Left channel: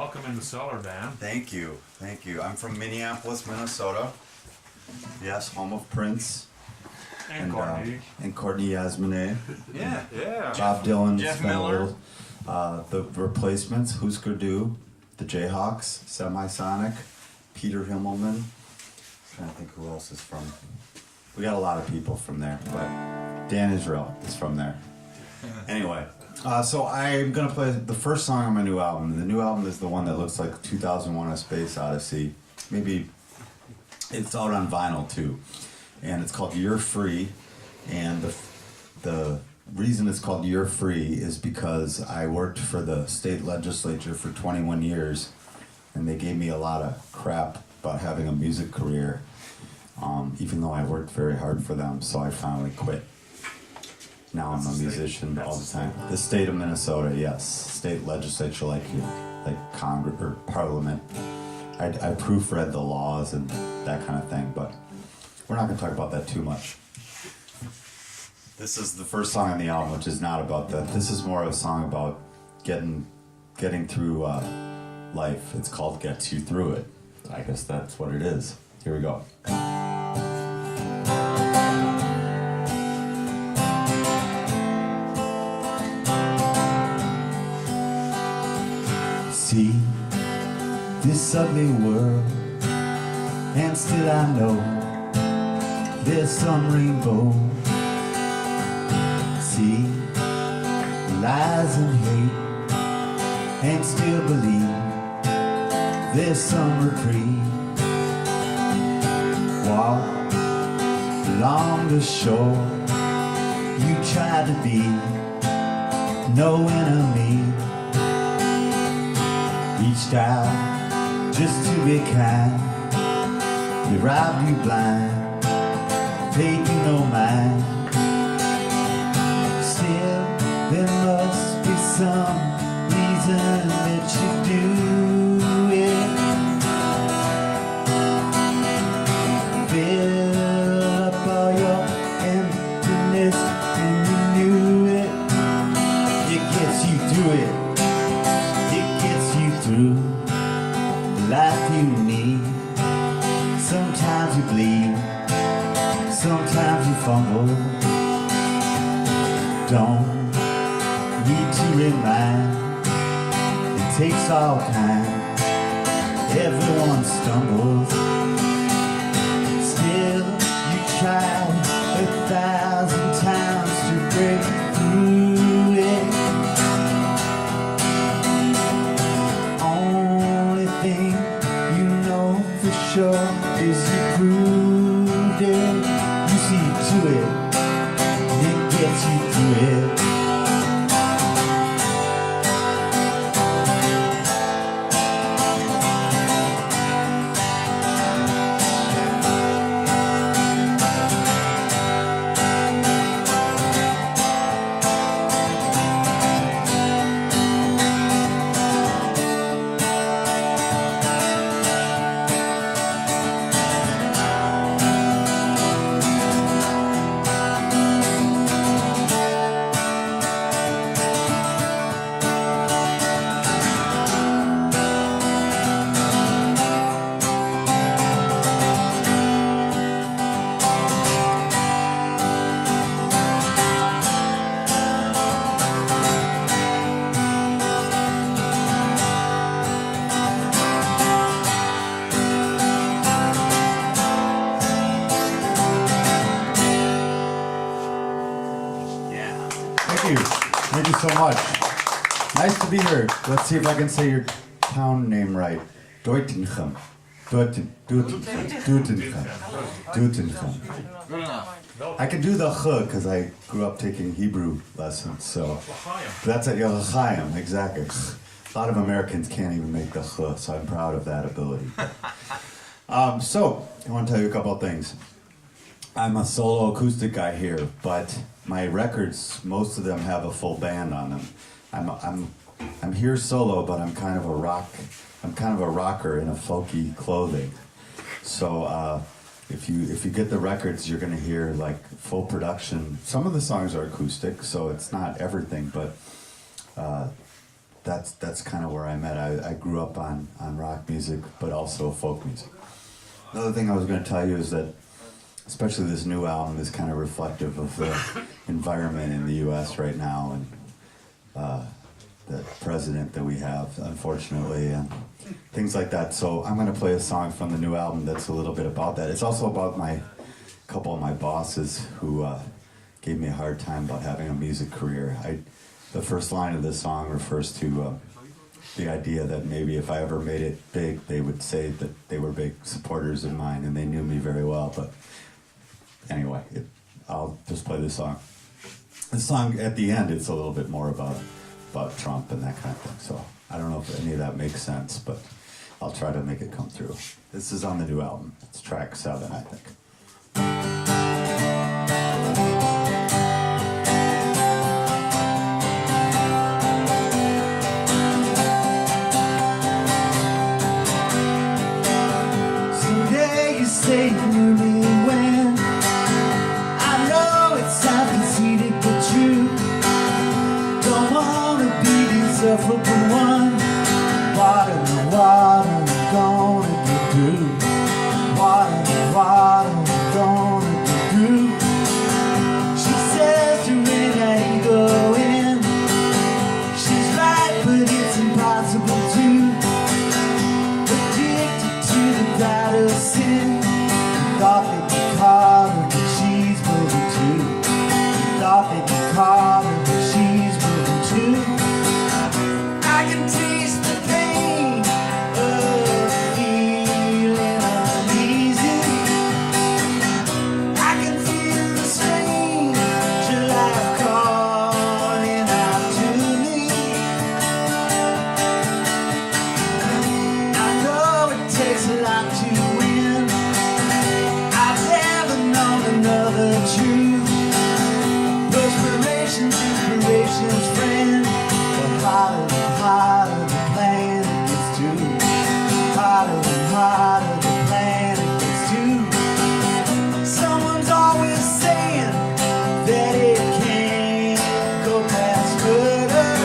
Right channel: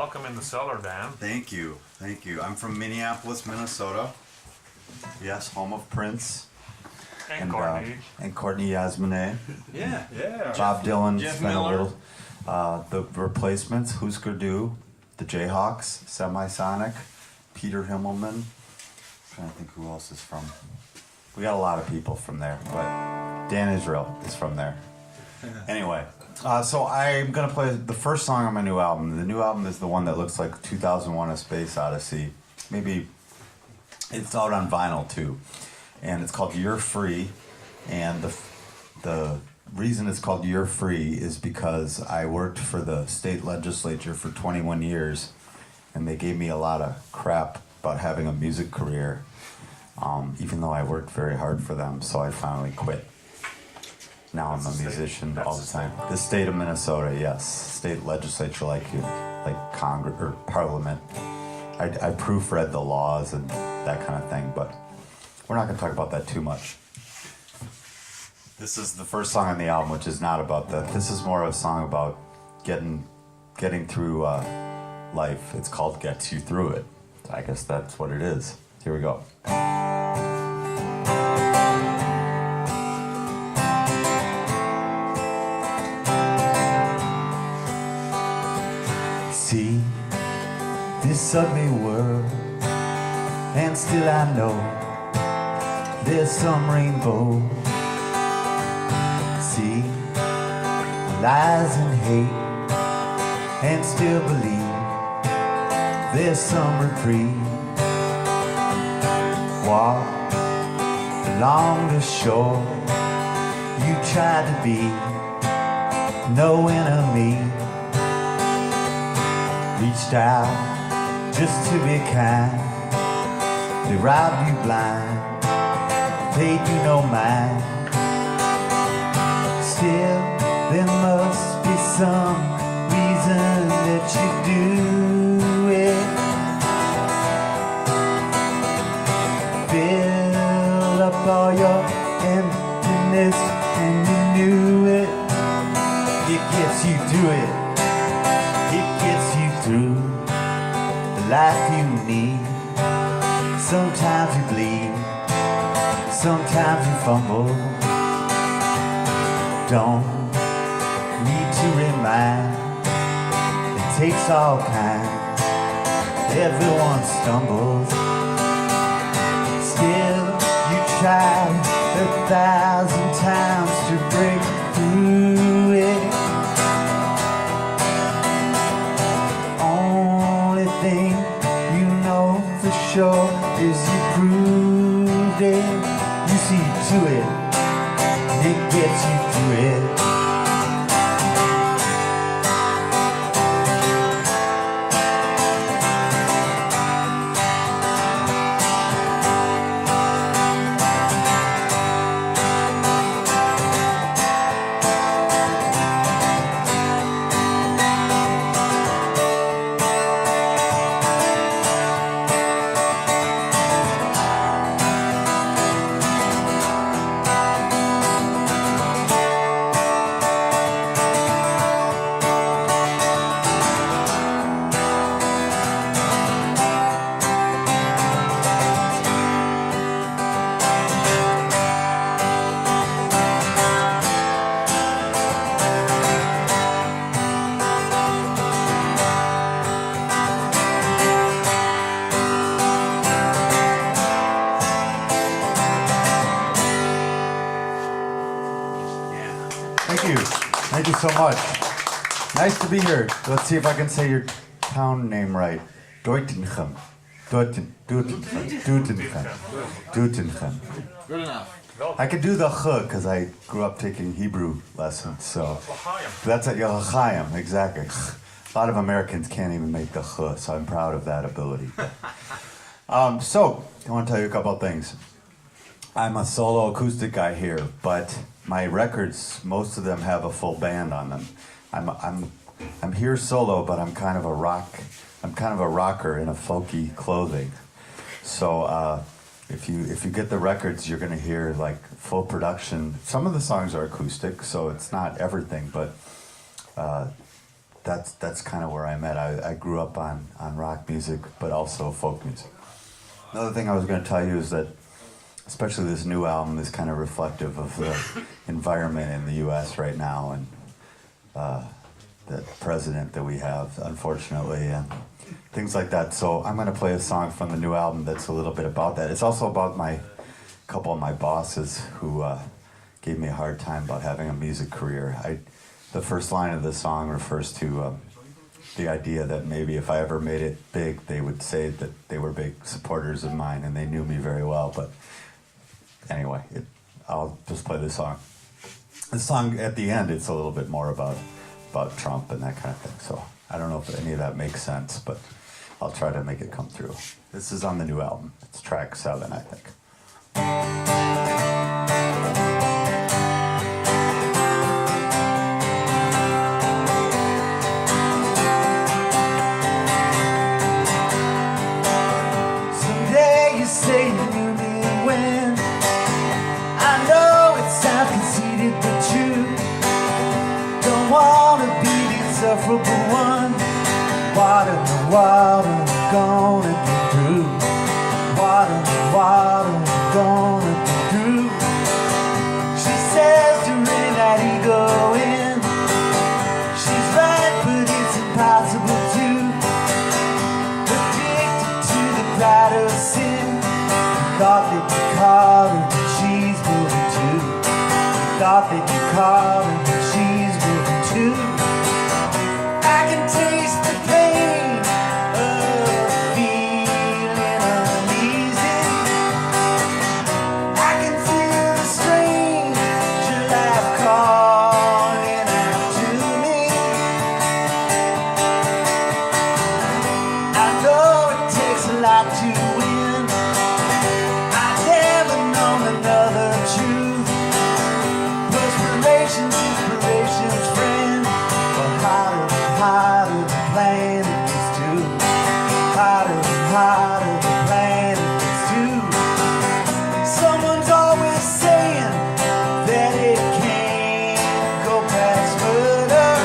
Welcome in the cellar, Van. Thank you. Thank you. I'm from Minneapolis, Minnesota. Yes, home of Prince. And Courtney. And Courtney Yasmin. Yeah. Bob Dylan. Jeff Miller. The Replacements, Husker Du, the Jayhawks, Semisonic, Peter Himmelman. I'm trying to think who else is from. We got a lot of people from there, but Dan Israel is from there. Anyway, so I'm going to play the first song on my new album. The new album is the one that looks like 2001: A Space Odyssey. Maybe it's out on vinyl too. And it's called You're Free. And the reason it's called You're Free is because I worked for the state legislature for 21 years, and they gave me a lot of crap about having a music career, even though I worked very hard for them, so I finally quit. Now I'm a musician all the time. The state of Minnesota, yes. State legislature, like Congress or Parliament. I proofread the laws and that kind of thing, but we're not going to talk about that too much. This is the first song on the album, which is not about that. This is more of a song about getting through life. It's called Gets You Through It. I guess that's what it is. Here we go. See this ugly world, and still I know there's some rainbow. See lies and hate, and still believe there's some reprieve. Walk along the shore, you try to be no enemy. Reached out just to be kind. They rob you blind, paid you no mind. Still, there must be some reason that you do it. Fill up all your emptiness and you knew it. It gets you through it. It gets you through the life you need. Sometimes you bleed, sometimes you fumble. Don't need to remind, it takes all kind. Everyone stumbles. Still, you try 1,000 times to break through it. Only thing you know for sure is you proved it. You see to it. It gets you through it. Thank you so much. Nice to be here. Let's see if I can say your town name right. Deutenchem. Deutenchem. Good enough. I can do the ch because I grew up taking Hebrew lessons, so that's at L'chaim, exactly. A lot of Americans can't even make the ch, so I'm proud of that ability. So, I want to tell you a couple of things. I'm a solo acoustic guy here, but my records, most of them have a full band on them. I'm here solo, but I'm kind of a rocker in a folky clothing. So if you get the records, you're gonna hear like full production. Some of the songs are acoustic, so it's not everything, but that's kind of where I'm at. I grew up on rock music, but also folk music. Another thing I was going to tell you is that, especially this new album, is kind of reflective of the environment in the U.S. right now, and the president that we have, unfortunately, and things like that. So I'm going to play a song from the new album that's a little bit about that. It's also about couple of my bosses who gave me a hard time about having a music career. The first line of the song refers to the idea that maybe if I ever made it big, they would say that they were big supporters of mine, and they knew me very well. But anyway, I'll just play this song. The song at the end, it's a little bit more about Trump and that kind of thing. So I don't know if any of that makes sense, but I'll try to make it come through. This is on the new album. It's track 7, I think. Someday you say you knew me when I know it sounds conceited but true. Don't wanna be the insufferable one. What am I gonna do? What am I gonna do? She says to really let it go in. She's right, but it's impossible to. Addicted to the pride of sin. Thought that you caught her, but she's moving too. Thought that you caught her, but she's moving too. I can taste the pain of feeling uneasy. I can feel the strange life calling out to me. I know it takes a lot to win. I've never known another truth. Perspiration's inspiration's friend. But hotter the plan it gets to. Hotter the plan it gets to. Someone's always saying that it can't go past murder.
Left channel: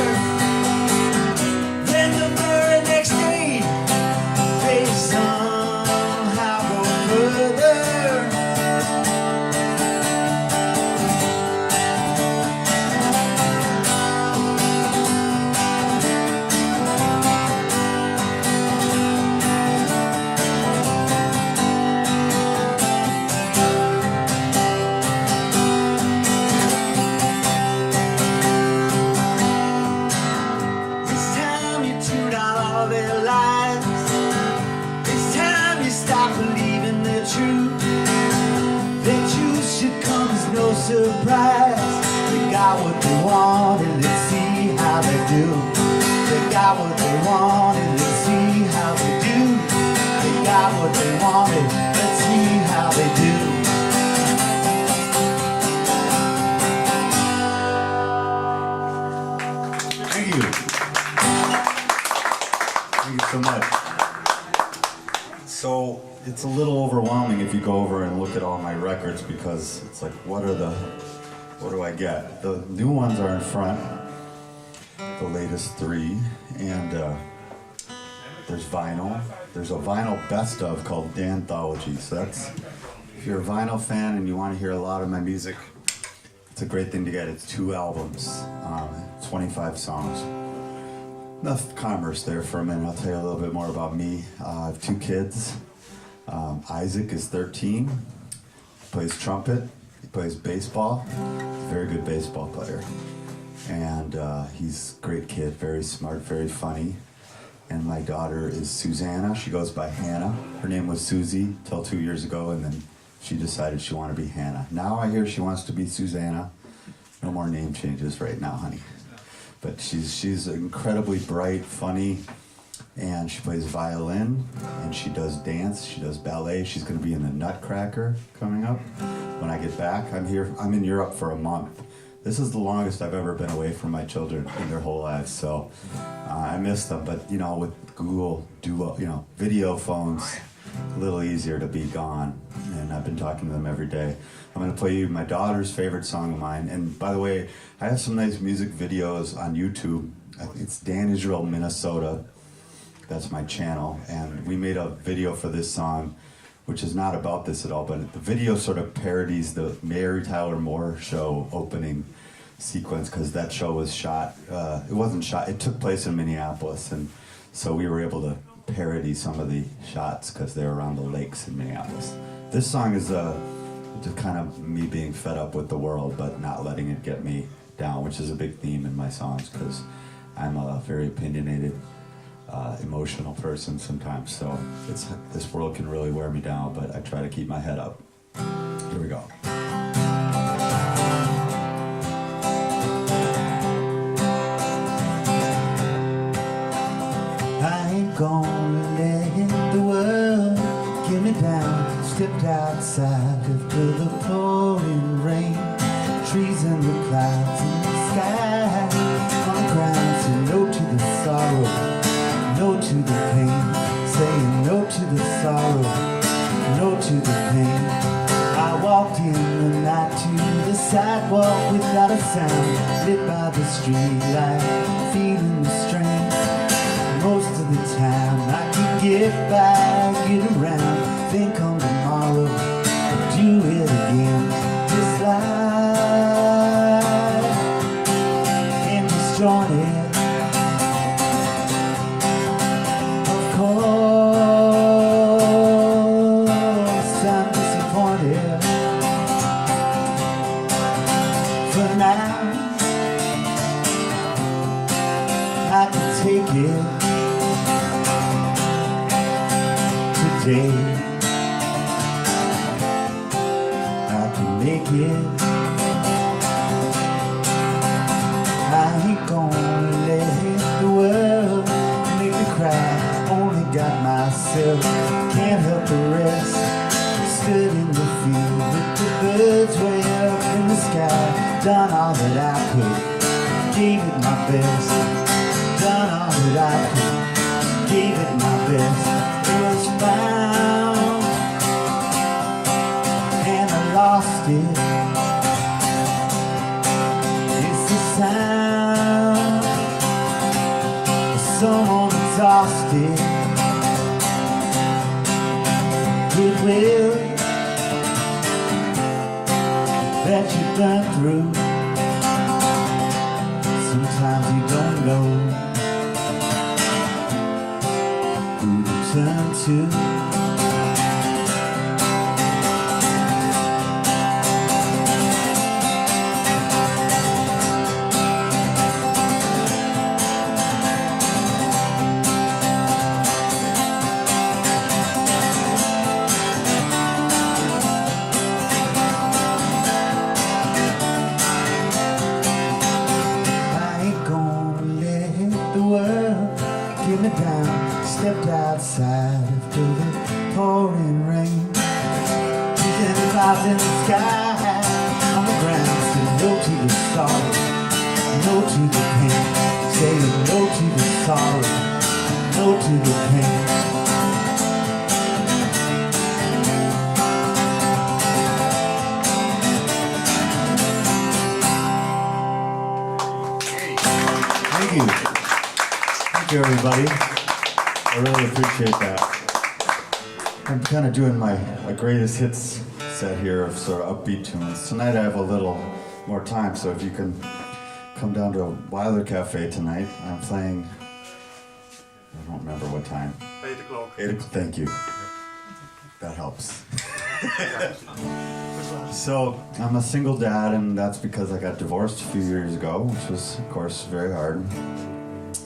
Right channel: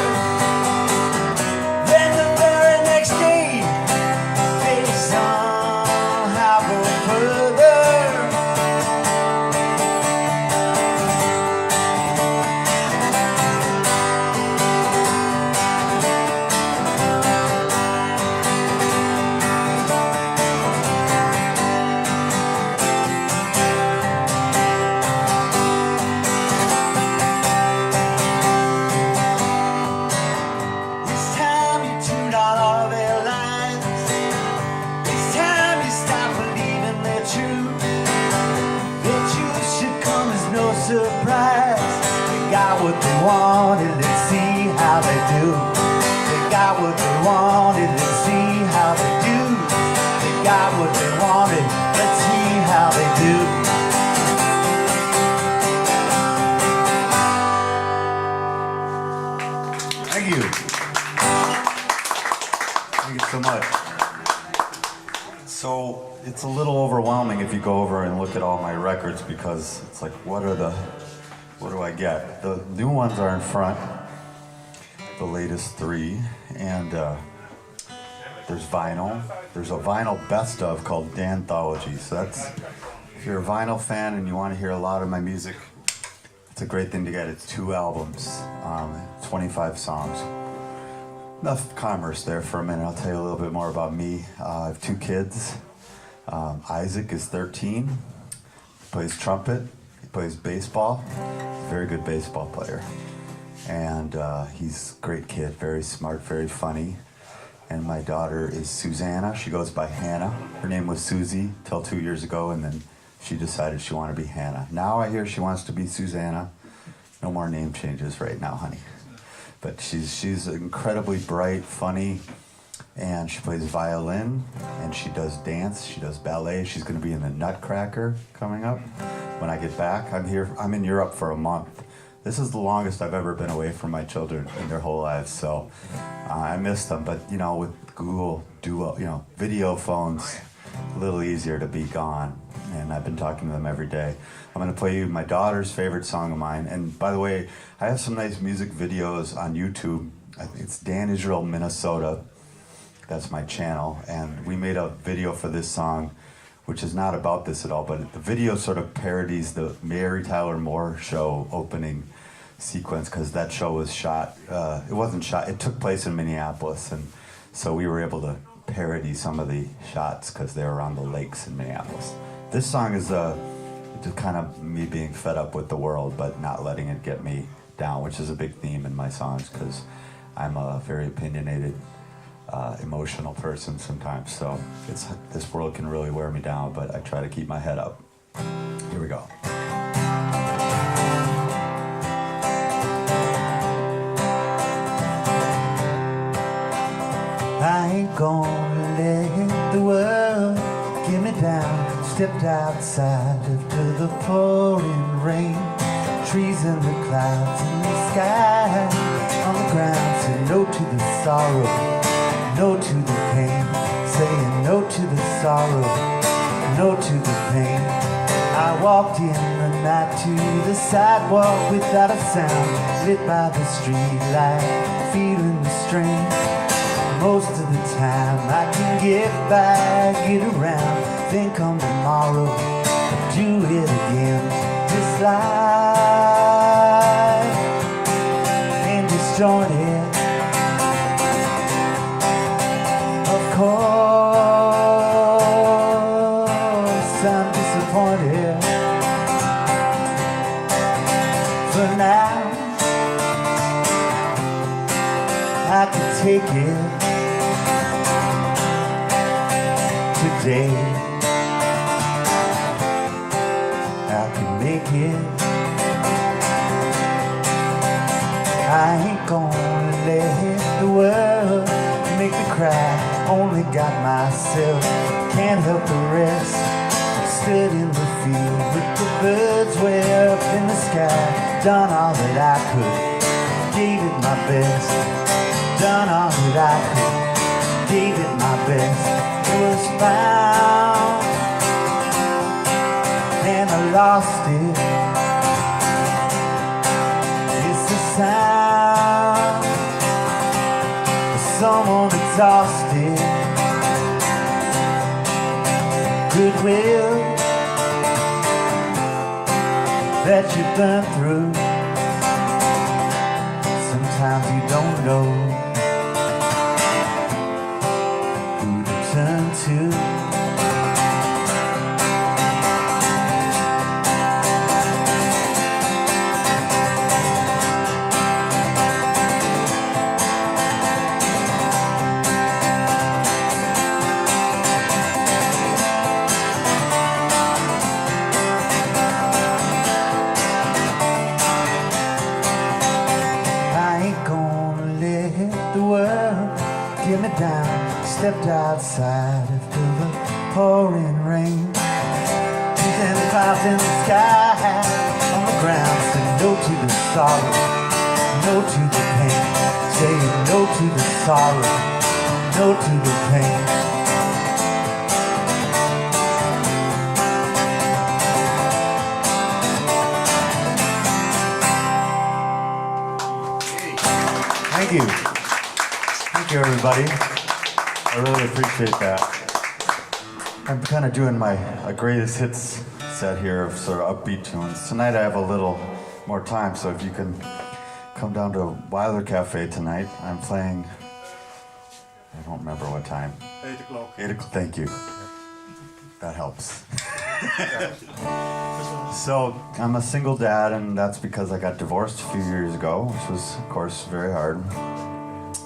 Then the very next day, they somehow go further. It's time you tuned out all their lies. It's time you stop believing they're true. Their truth should come as no surprise. They got what they wanted, let's see how they do. They got what they wanted, let's see how they do. They got what they wanted, let's see how they do. Thank you. Thank you so much. So it's a little overwhelming if you go over and look at all my records, because it's like, what do I get? The new ones are in front, the latest 3, and there's vinyl. There's a vinyl best of called Danthology. So that's, if you're a vinyl fan and you want to hear a lot of my music, it's a great thing to get. It's 2 albums, 25 songs. Enough commerce there for a minute. I'll tell you a little bit more about me. I have 2 kids. Isaac is 13. He plays trumpet. He plays baseball. He's a very good baseball player. And he's a great kid, very smart, very funny. And my daughter is Susanna. She goes by Hannah. Her name was Susie till 2 years ago, and then she decided she wanted to be Hannah. Now I hear she wants to be Susanna. No more name changes right now, honey. But she's incredibly bright, funny, and she plays violin, and she does dance, she does ballet. She's going to be in the Nutcracker coming up when I get back. I'm in Europe for a month. This is the longest I've ever been away from my children in their whole lives, so I miss them. But you know, with Google Duo, video phones, a little easier to be gone. And I've been talking to them every day. I'm going to play you my daughter's favorite song of mine. And by the way, I have some nice music videos on YouTube it's Dan Israel, Minnesota. That's my channel, and we made a video for this song, which is not about this at all, but the video sort of parodies the Mary Tyler Moore Show opening sequence, because that show was shot, it wasn't shot, it took place in Minneapolis, and so we were able to parody some of the shots because they're around the lakes in Minneapolis. This song is just kind of me being fed up with the world, but not letting it get me down, which is a big theme in my songs, because I'm a very opinionated, emotional person sometimes, so this world can really wear me down, but I try to keep my head up. Here we go. I ain't gonna let the world get me down. Stepped outside, lived to the pouring rain. Trees in the clouds in the sky. On the ground, say no to the sorrow, no to the pain. Saying no to the sorrow, no to the pain. I walked in the night to the sidewalk without a sound. Lit by the street light, feeling the strain. Most of the time I can get by, get around. Then come tomorrow, do it again. This life ain't disjointed. Of course I'm disappointed. For now I can take it. Today I can make it. I ain't gonna let the world make me cry. Only got myself, can't help the rest. Stood in the field with the birds way up in the sky. Done all that I could, gave it my best. Done all that I could, gave it my best. Was found and I lost it. It's the sound of someone exhausted. Goodwill that you've been through. Sometimes you don't know who to turn to. I ain't gonna let the world get me down. Stepped outside after the pouring rain. And the clouds in the sky, on the ground, say no to the sorrow, no to the pain. Say no to the sorrow, no to the pain. Thank you. Thank you, everybody. I really appreciate that. I'm kind of doing my greatest hits set here of sort of upbeat tunes. Tonight I have a little more time, so if you can come down to Wilder Cafe tonight, I'm playing, I don't remember what time. 8 o'clock. 8 o'clock, thank you. That helps. So, I'm a single dad, and that's because I got divorced a few years ago, which was, of course, very hard.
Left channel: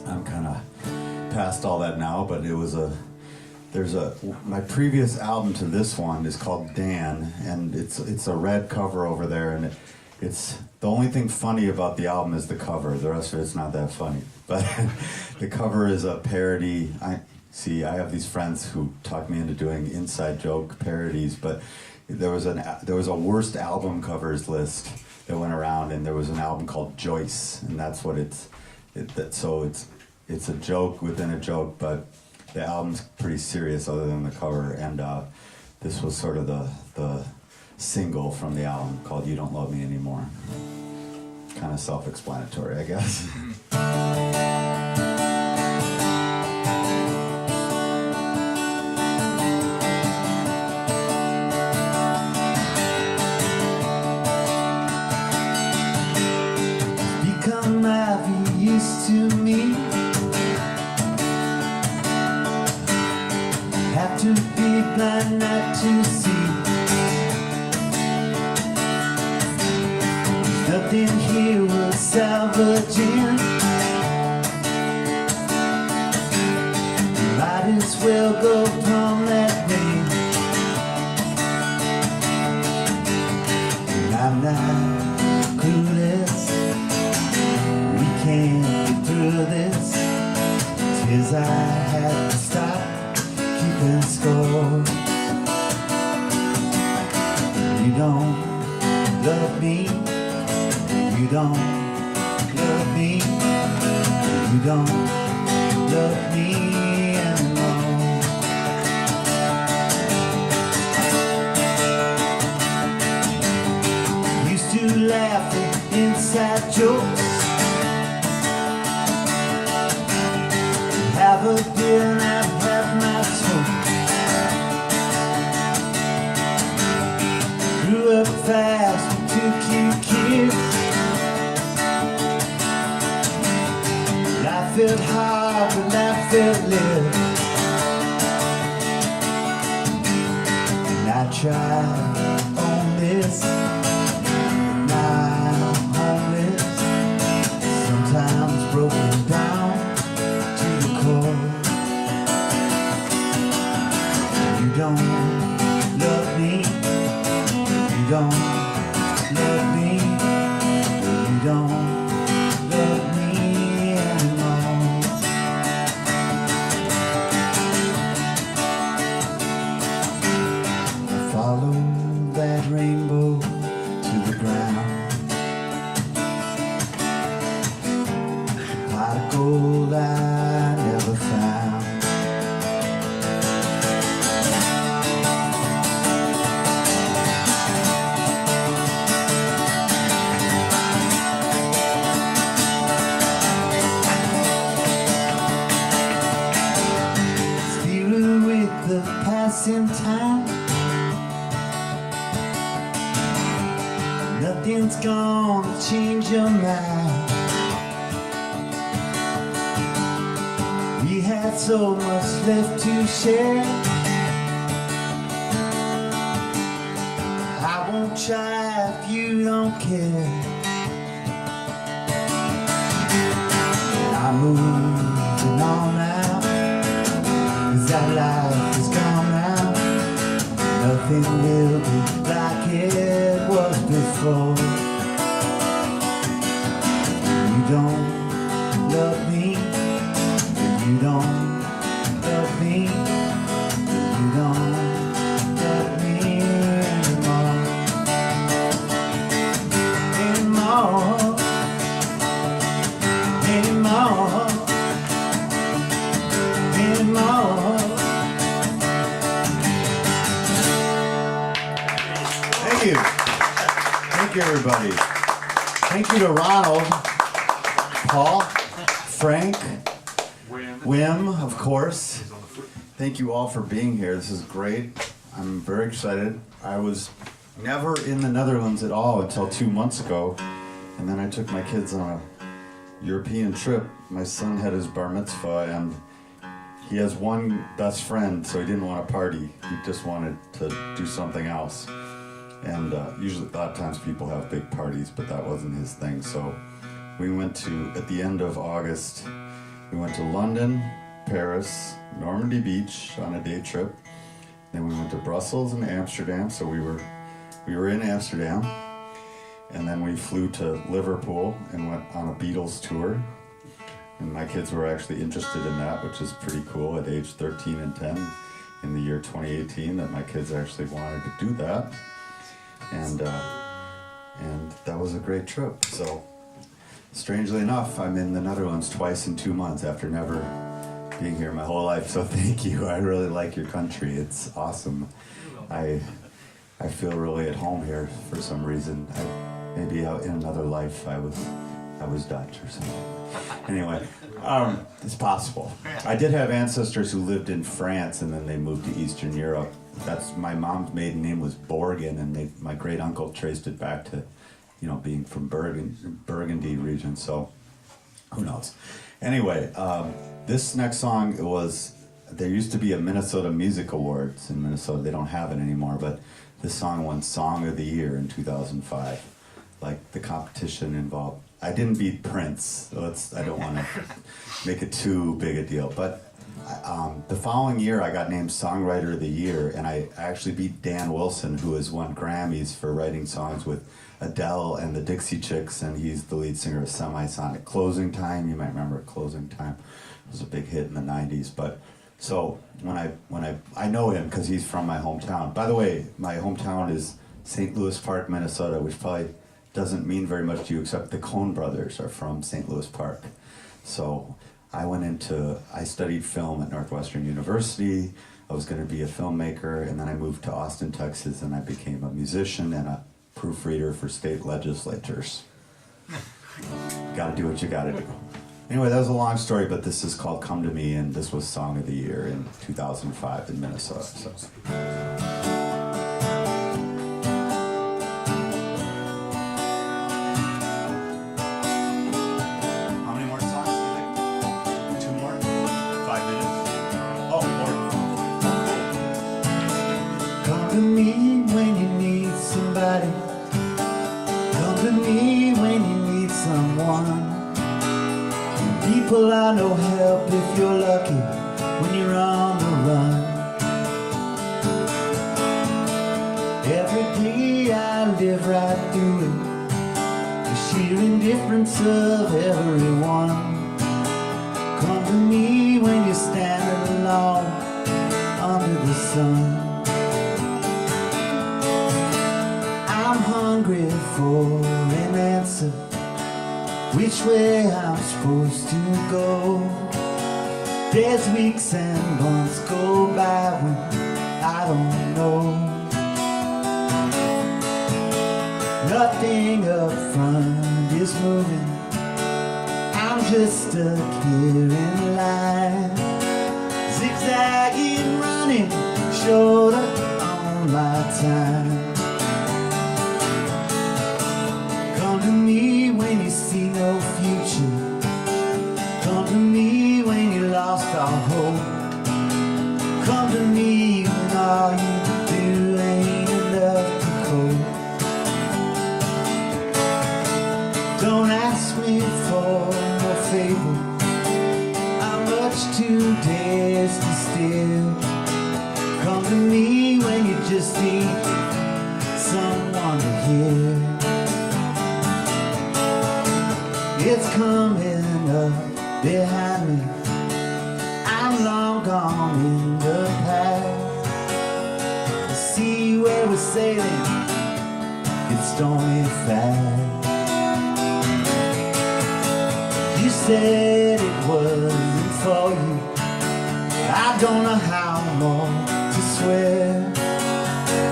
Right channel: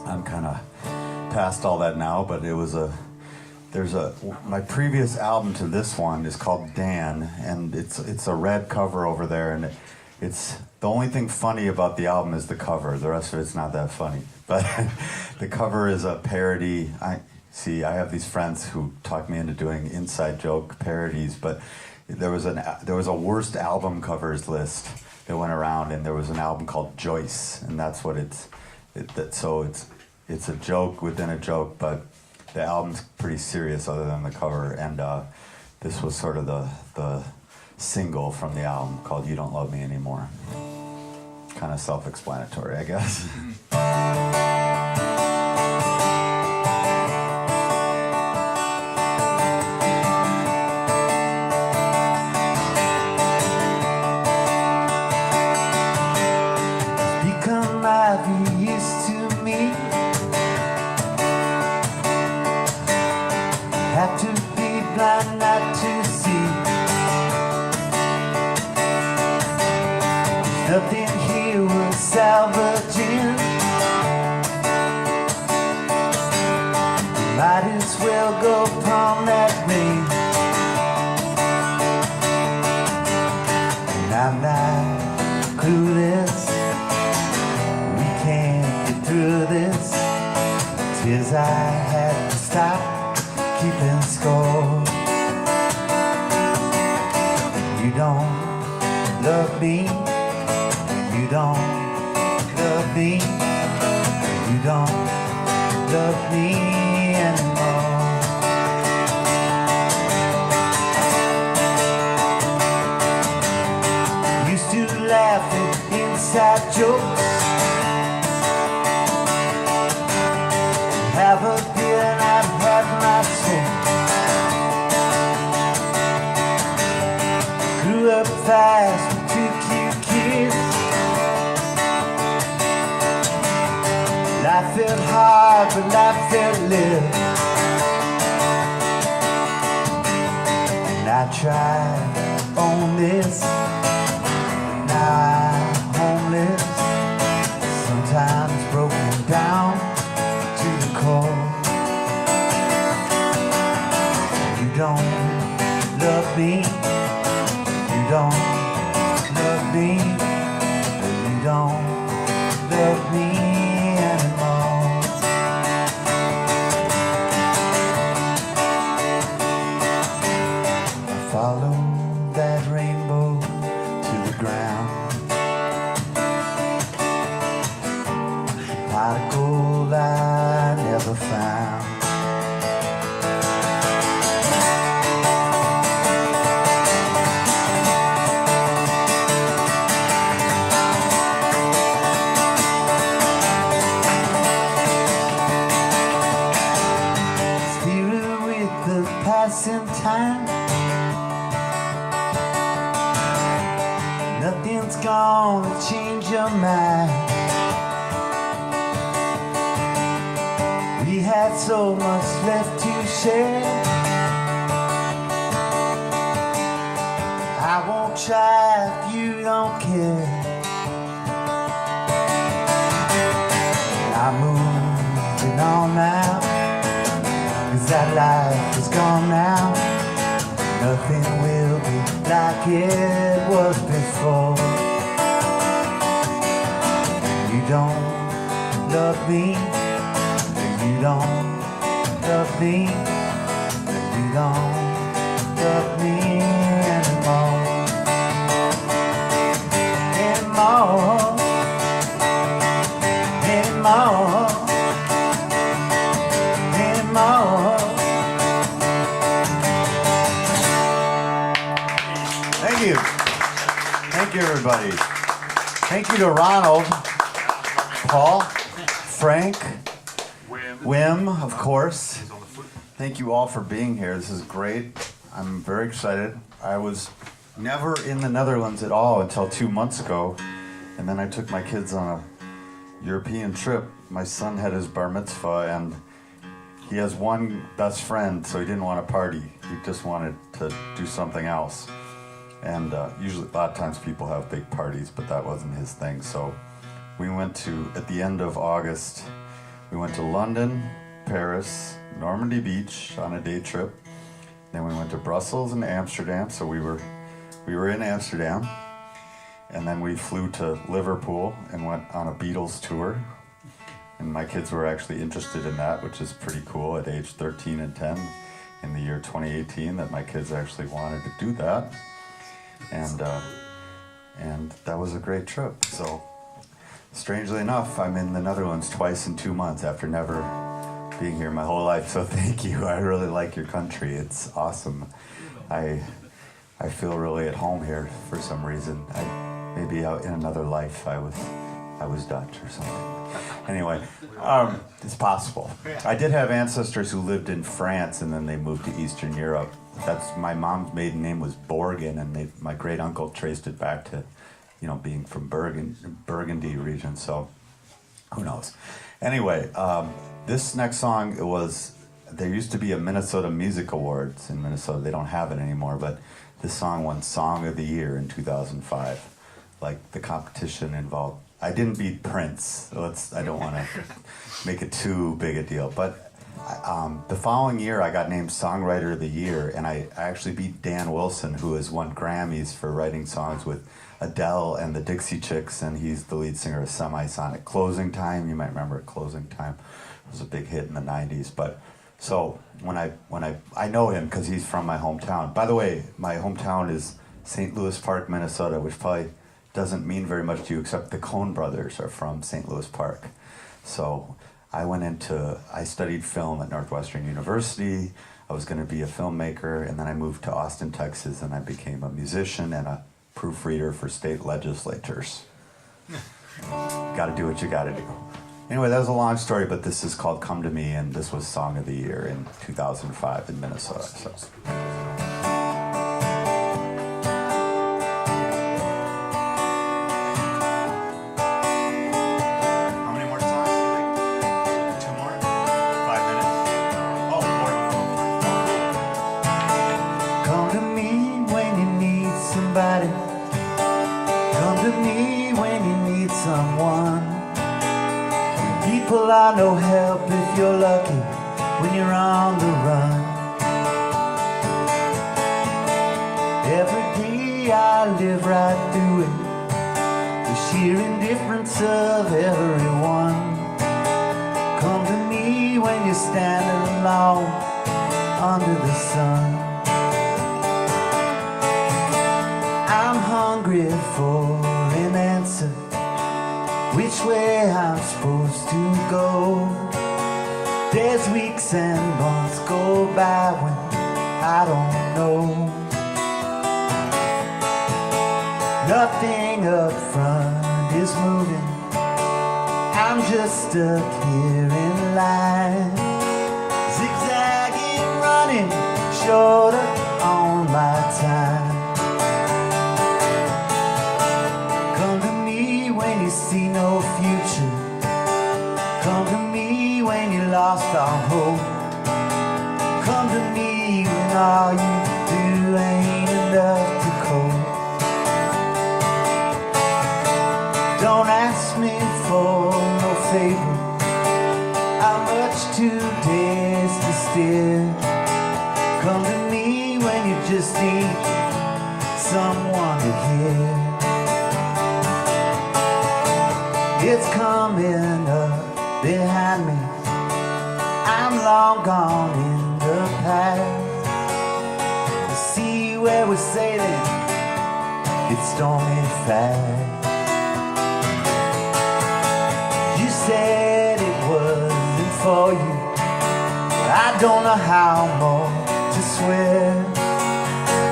I'm kind of past all that now, but it was my previous album to this one is called Dan, and it's a red cover over there, and it's the only thing funny about the album is the cover. The rest of it's not that funny, but the cover is a parody. I have these friends who talked me into doing inside joke parodies, but there was a worst album covers list that went around, and there was an album called Joyce, and that's what it's a joke within a joke, but the album's pretty serious other than the cover, and this was sort of the single from the album called You Don't Love Me Anymore. Kind of self-explanatory, I guess. keeping score. You don't love me, you don't love me, you don't love me anymore. Used to laugh at inside jokes, have a beer and I'd have my soul. Grew up fast with 2 cute kids. Life felt hard, but life felt lit. And I tried on this, now I'm homeless. Sometimes broken down to the core. You don't love me, you don't love me, you don't love me anymore. I followed that rainbow to the ground. Pot of gold I never found. Steering with the passing time. Nothing's gonna change your mind. We had so much left to share. I won't try if you don't care. I'm moving on now, 'cause that life is gone now. Nothing will be like it was before. You don't love me, you don't love me, you don't love me anymore. Anymore, anymore, anymore. Thank you. Thank you, everybody. Thank you to Ronald, Paul, Frank, Wim, of course. Thank you all for being here. This is great. I'm very excited. I was never in the Netherlands at all until 2 months ago. And then I took my kids on a European trip. My son had his bar mitzvah and he has one best friend, so he didn't want to party. He just wanted to do something else. And usually, a lot of times people have big parties, but that wasn't his thing. So we went to, at the end of August, we went to London, Paris, Normandy Beach on a day trip. Then we went to Brussels and Amsterdam. So we were in Amsterdam. And then we flew to Liverpool and went on a Beatles tour. And my kids were actually interested in that, which is pretty cool at age 13 and 10 in the year 2018 that my kids actually wanted to do that. And that was a great trip. So strangely enough, I'm in the Netherlands twice in 2 months after never being here my whole life. So thank you. I really like your country. It's awesome. I feel really at home here for some reason. Maybe in another life I was Dutch or something. Anyway, it's possible. I did have ancestors who lived in France and then they moved to Eastern Europe. That's my mom's maiden name was Borgen, and my great uncle traced it back to, being from Burgundy region. So, who knows? Anyway, this next song there used to be a Minnesota Music Awards in Minnesota. They don't have it anymore, but this song won Song of the Year in 2005. Like the competition involved. I didn't beat Prince, so I don't want to make it too big a deal, but. The following year, I got named Songwriter of the Year, and I actually beat Dan Wilson, who has won Grammys for writing songs with Adele and the Dixie Chicks, and he's the lead singer of Semisonic. Closing Time, you might remember Closing Time. It was a big hit in the 90s, but So I know him because he's from my hometown. By the way, my hometown is St. Louis Park, Minnesota, which probably doesn't mean very much to you, except the Coen brothers are from St. Louis Park. So I studied film at Northwestern University. I was going to be a filmmaker, and then I moved to Austin, Texas, and I became a musician and a proofreader for state legislatures. Gotta do what you gotta do. Anyway, that was a long story, but this is called Come to Me, and this was Song of the Year in 2005 in Minnesota. So. How many more songs do you think? 2 more? 5 minutes? Oh, more. Come to me when you need somebody. Come to me when you need someone. People are no help if you're lucky when you're on the run. Every day I live right through it, the sheer indifference of everyone. Come to me when you're standing alone under the sun. I'm hungry for an answer, which way I'm supposed to go. There's weeks and months go by when I don't know. Nothing up front is moving, I'm just stuck here in line, zigzagging, running shorter on my time. Come to me when you see no future. Come to me when you lost all hope. Come to me when all you do ain't enough to cope. Don't ask me for no favor, I'm much too dazed to steer. Come to me when you just need someone to hear. It's coming up behind me, I'm long gone in the past. The sea where we're sailing, it's stormy fast. You said it wasn't for you, I don't know how more to swear.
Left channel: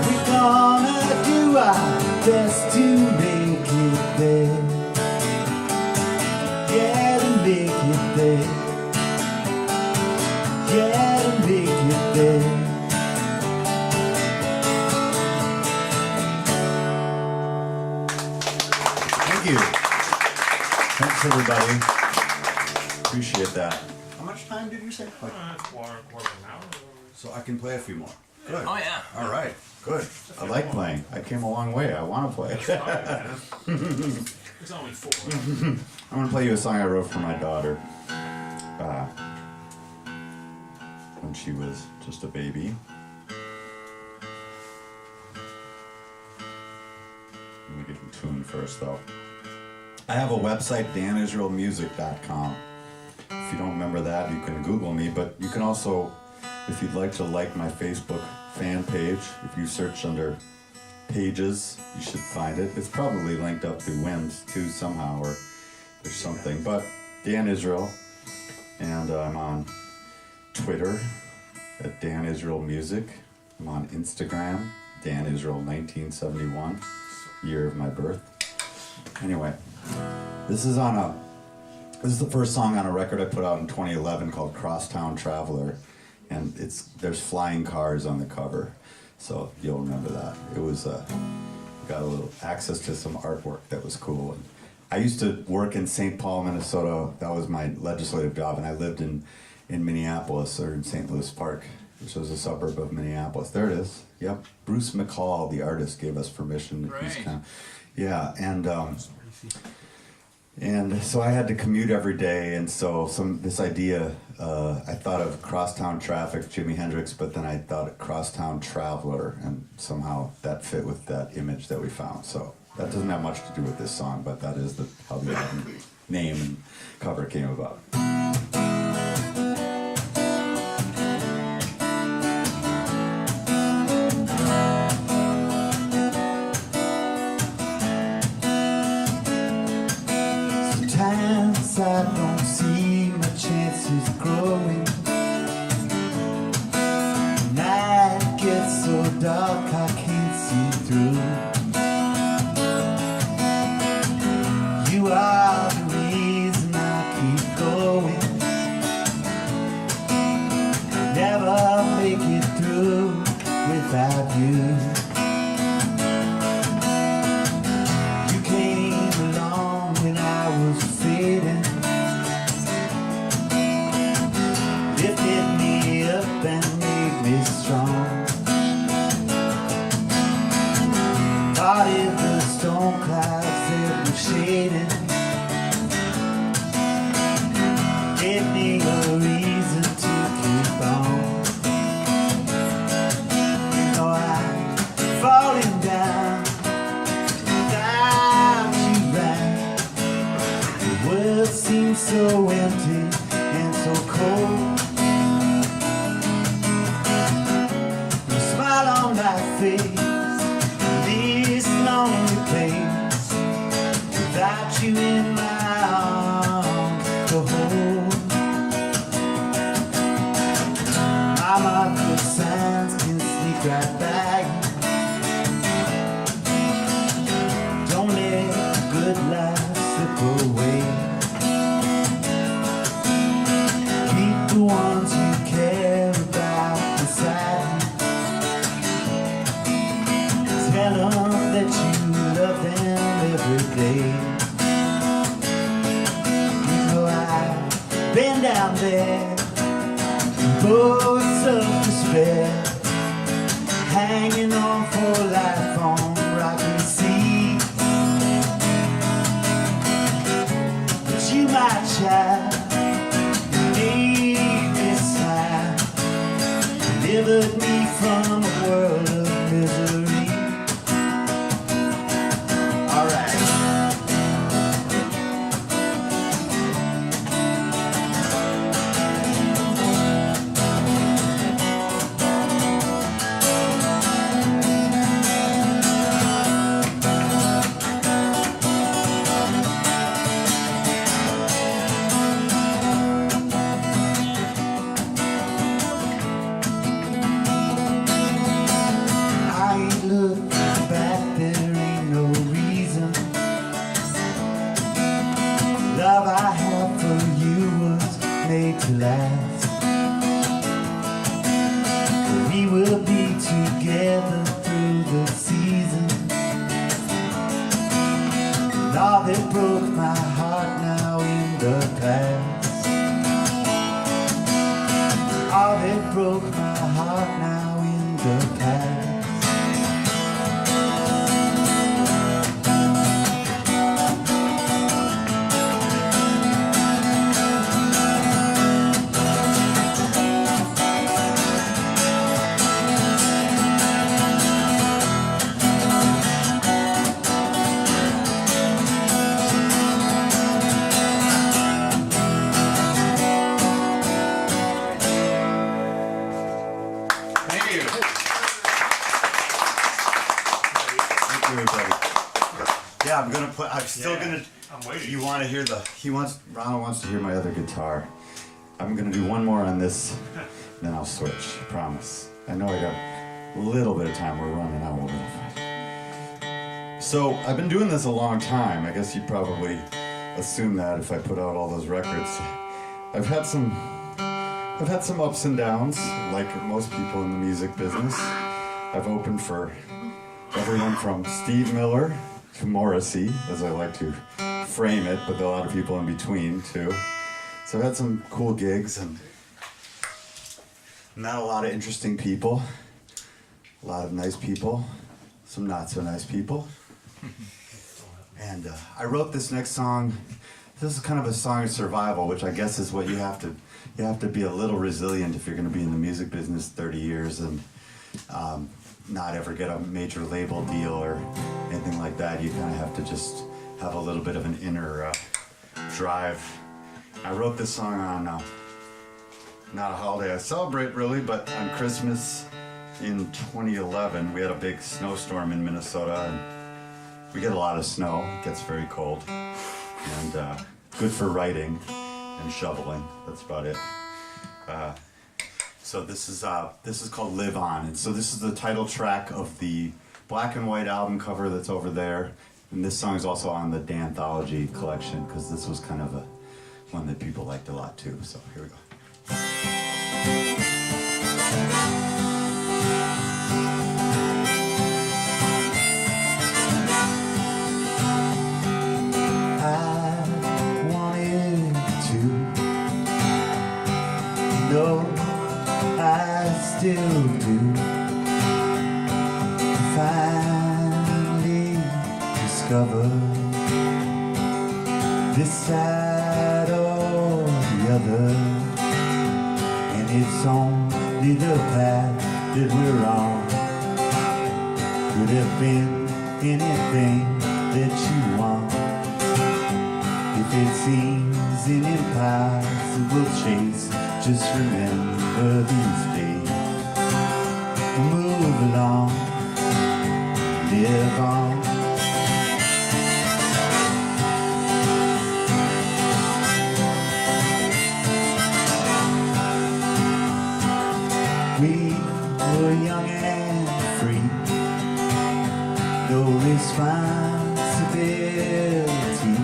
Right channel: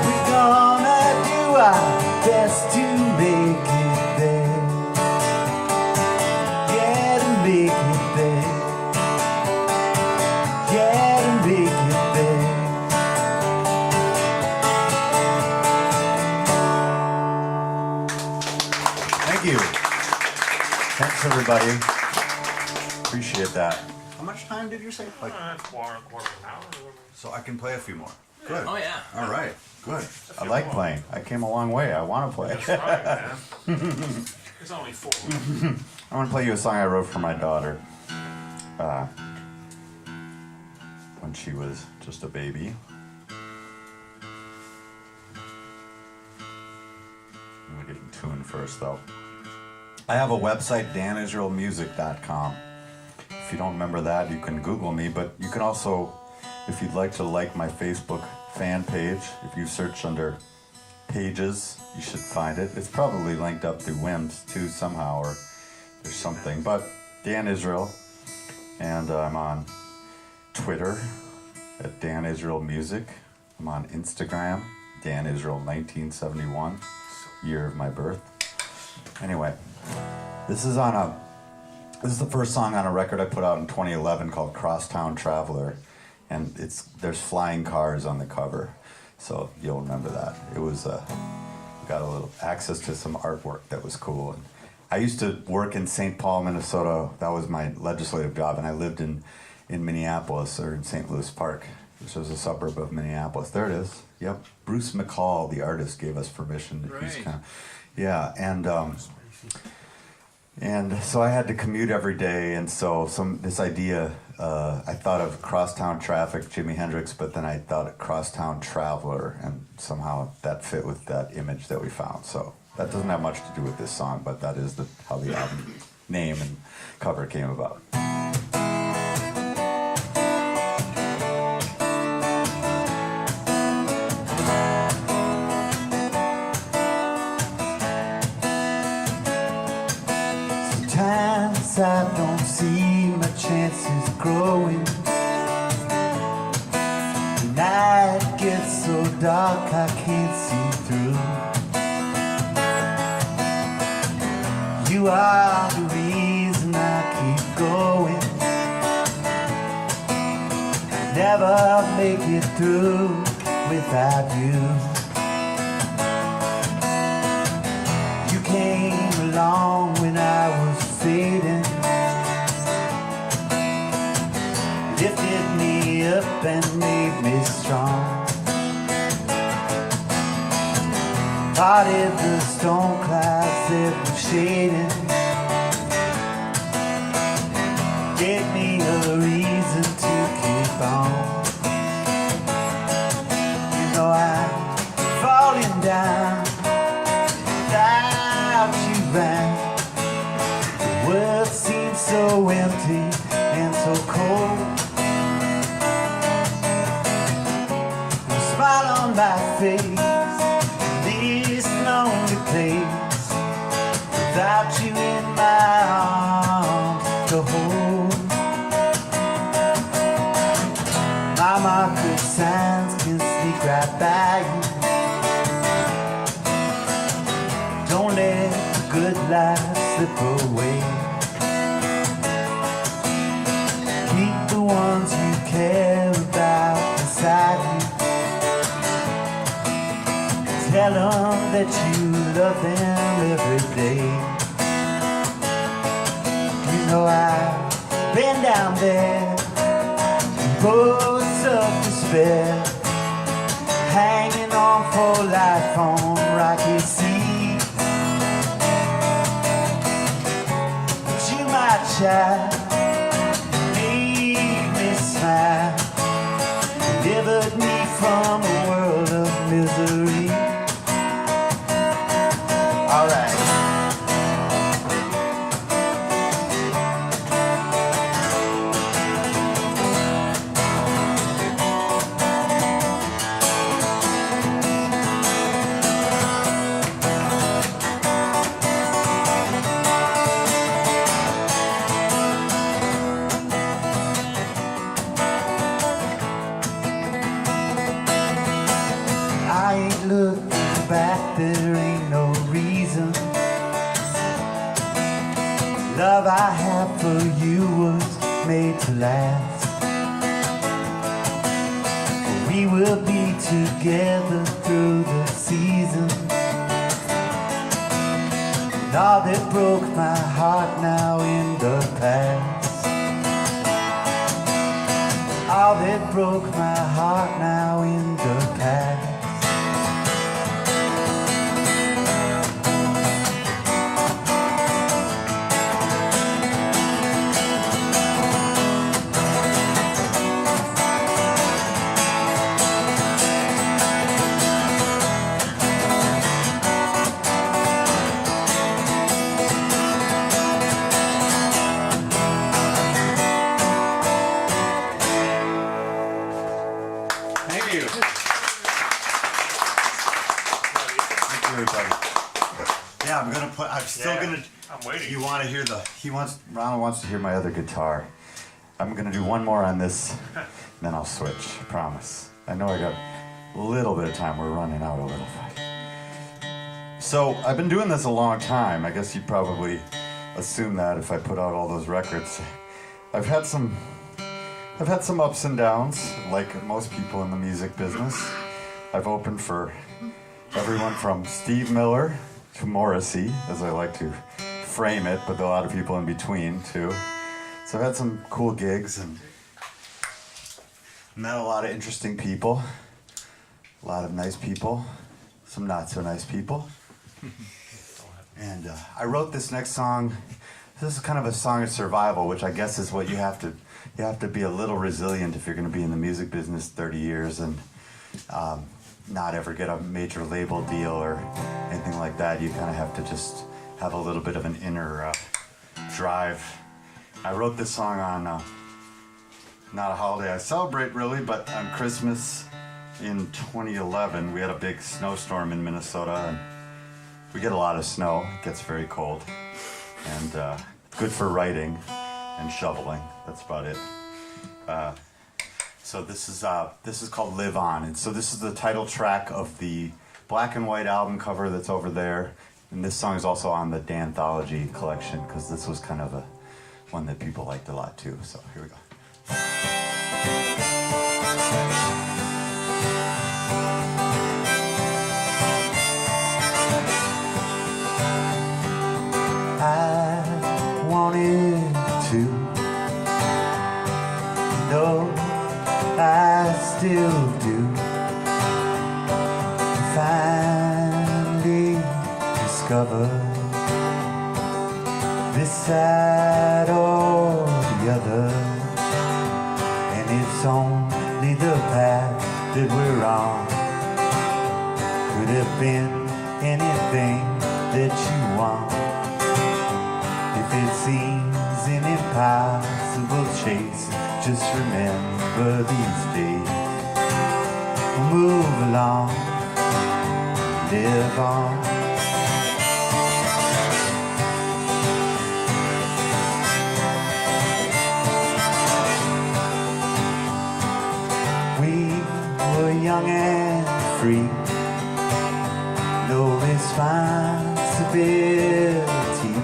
We're gonna do our best to make it there. Yeah, to make it there. Yeah, to make it there. Thank you. Thanks, everybody. Appreciate that. How much time did you say? Like, Quarter of an hour. so I can play a few more. Good. Oh, yeah. All right. Good. I like playing. I came a long way. I want to play. It's only 4. I'm going to play you a song I wrote for my daughter when she was just a baby. Let me get in tune first, though. I have a website, danisraelmusic.com. If you don't remember that, you can Google me, but you can also, if you'd like to like my Facebook fan page, if you search under pages, you should find it. It's probably linked up through Wims too somehow, or there's something. But Dan Israel, and I'm on Twitter at Dan Israel Music. I'm on Instagram, Dan Israel 1971, year of my birth. Anyway, this is the first song on a record I put out in 2011 called Crosstown Traveler, and there's flying cars on the cover, so you'll remember that. It was got a little access to some artwork that was cool. And I used to work in St. Paul, Minnesota. That was my legislative job, and I lived in Minneapolis, or in St. Louis Park, which was a suburb of Minneapolis. There it is. Yep. Bruce McCall, the artist, gave us permission. Right. Yeah, and so I had to commute every day, and so this idea, I thought of Crosstown Traffic, Jimi Hendrix, but then I thought of Crosstown Traveler, and somehow that fit with that image that we found. So that doesn't have much to do with this song, but that is how the album name and cover came about. through without you. You came along when I was fading, lifted me up and made me strong. Parted the storm clouds that were shaded, gave me a reason to keep on. You know I'm falling down without you round. The world seems so empty and so cold. No smile on my face, this lonely place, without you in my arms to hold. My marker signs can sneak right by you. Don't let the good life slip away. Keep the ones you care about beside you. Tell them that you love them every day. You know I've been down there in boats of despair, hanging on for life on rocky seas. But you, my child, made me smile, delivered me from a world of misery. All right. I ain't looking back, there ain't no reason. Love I have for you was made to last. We will be together through the season. And all that broke my heart now in the past. All that broke my heart now in the past. Thank you. Thank you, everybody. Yeah, I'm gonna play. I'm still Yeah, gonna. I'm waiting. You want to hear the? Ronald wants to hear my other guitar. I'm gonna do one more on this, then I'll switch. Promise. I know I got a little bit of time. We're running out a little bit. So I've been doing this a long time. I guess you probably assume that if I put out all those records. I've had some ups and downs, like most people in the music business. I've opened for everyone from Steve Miller to Morrissey, as I like to frame it, but a lot of people in between too. So I've had some cool gigs and met a lot of interesting people, a lot of nice people, some not so nice people. And I wrote this next song. This is kind of a song of survival, which I guess is what you have to be a little resilient if you're going to be in the music business 30 years and not ever get a major label deal or anything like that. You kind of have to just have a little bit of an inner drive. I wrote this song on not a holiday I celebrate really, but on Christmas in 2011. We had a big snowstorm in Minnesota, and we get a lot of snow. It gets very cold, and good for writing and shoveling. That's about it. So this is called Live On, and so this is the title track of the black and white album cover that's over there, and this song is also on the Danthology collection because this was kind of a one that people liked a lot too. So here we go. still do. Finally discover this side or the other, and it's only the path that we're on. Could have been anything that you want. If it seems an impossible chase, just remember these days. Move along, live on. We were young and free, no responsibility.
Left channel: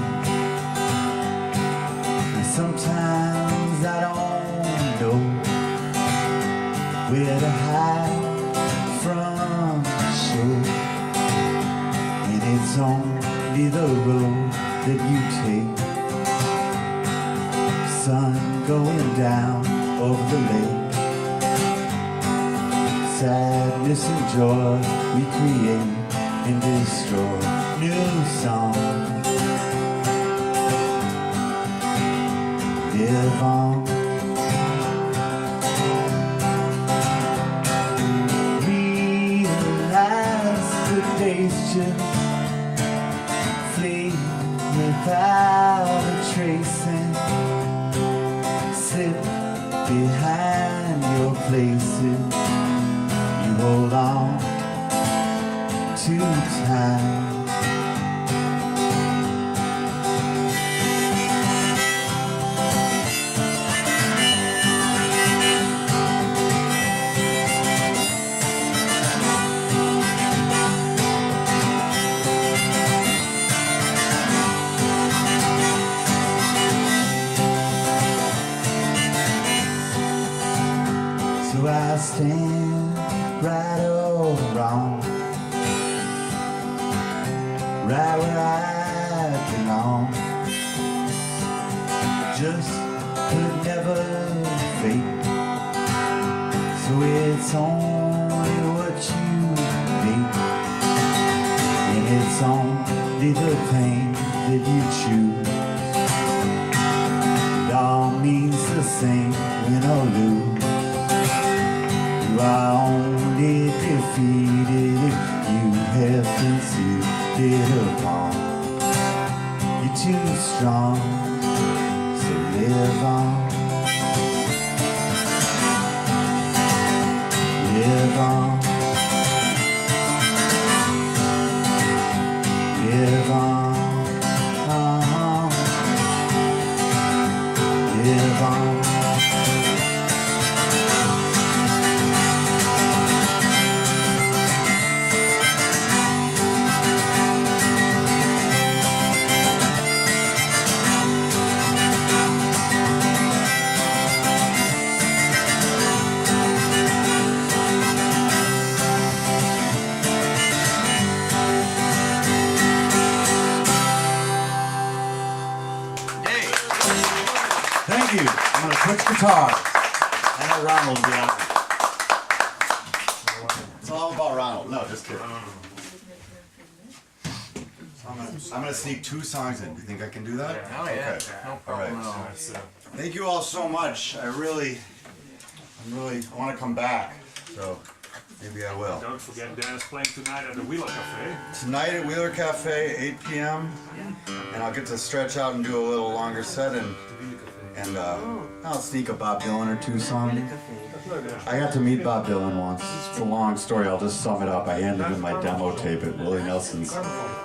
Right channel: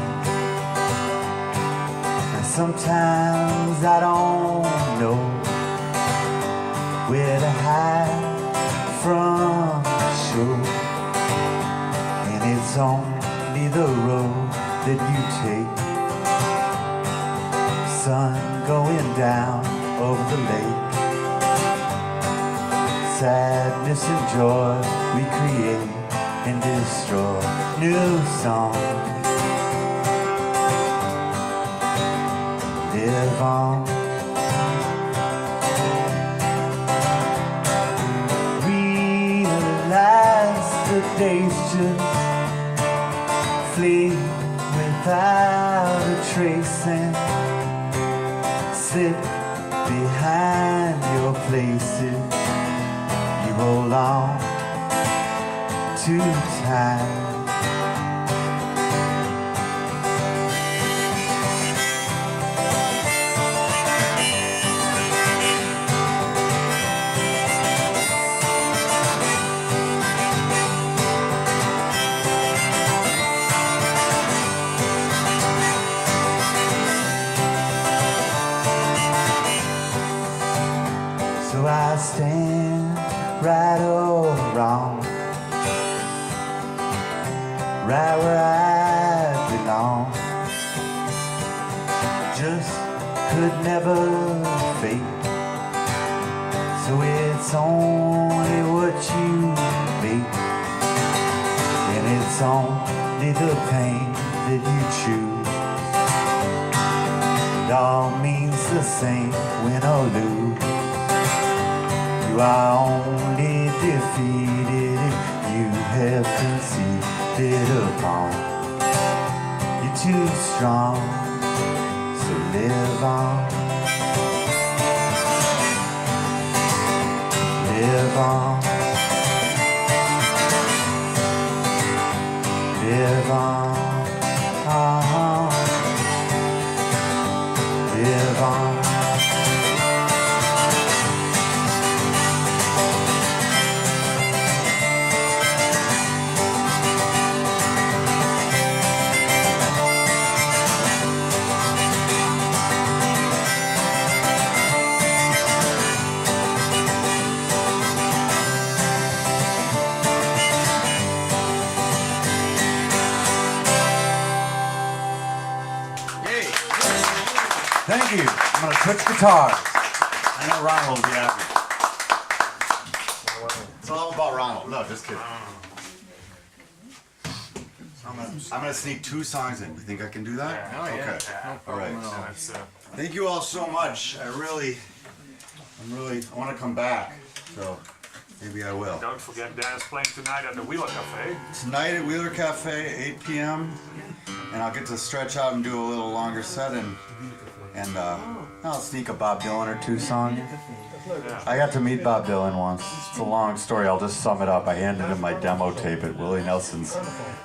And sometimes I don't know where to hide from the show. And it's only the road that you take. Sun going down over the lake. Sadness and joy we create and destroy. New song, live on. Realize the days just flee without a trace and slip behind your places. Hold on to time. So I stand right or wrong, right where I belong. Just could never fake. So it's only what you make, and it's only the pain that you choose. It all means the same, win or lose. You are only defeated if you have conceded upon. You're too strong, so live on. Live on. Live on. Live on. Thank you. I'm gonna switch guitars. I know Ronald will be happy. It's all about Ronald. No, just kidding. So I'm gonna sneak 2 songs in. You think I can do that? Oh yeah, Okay. no All right. problem at all. Thank you all so much. I want to come back. So maybe I will. Don't forget Dan's playing tonight at the Wheeler Cafe. Tonight at Wheeler Cafe, 8 p.m. And I'll get to stretch out and do a little longer set and I'll sneak a Bob Dylan or 2 song. I got to meet Bob Dylan once. It's a long story. I'll just sum it up. I handed him my demo tape at Willie Nelson's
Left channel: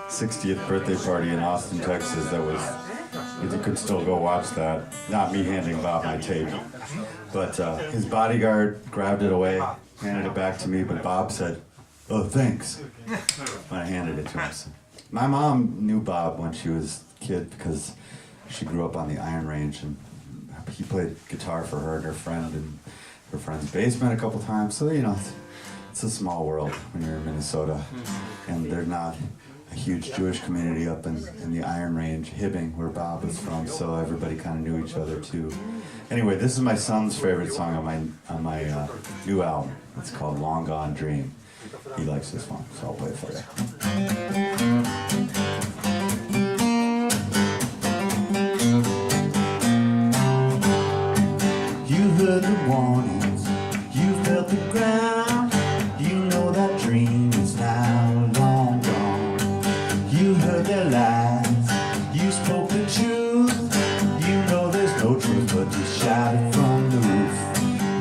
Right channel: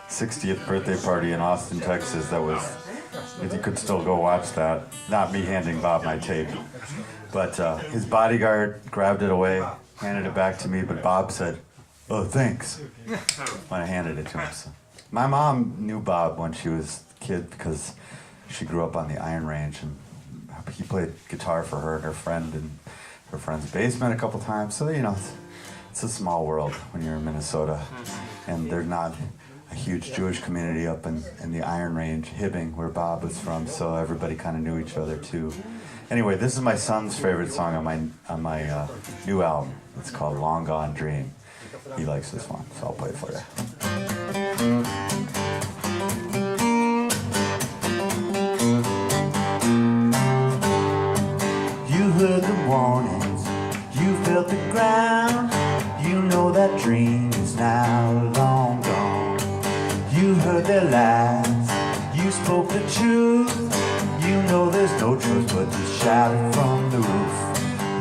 60th birthday party in Austin, Texas. That was, you could still go watch that. Not me handing Bob my tape. But his bodyguard grabbed it away, handed it back to me, but Bob said, "Oh, thanks," when I handed it to him. So, my mom knew Bob when she was a kid because she grew up on the Iron Range, and he played guitar for her and her friend in her friend's basement a couple times. So, you know, it's a small world when you're in Minnesota, and there's not a huge Jewish community up in the Iron Range, Hibbing, where Bob was from, so everybody kind of knew each other too. Anyway, this is my son's favorite song on my new album. It's called Long Gone Dream. He likes this one, so I'll play it for you. You heard the warnings, you felt the ground. You know that dream is now long gone. You heard their lies, you spoke the truth. You know there's no truth but to shout it from the roof.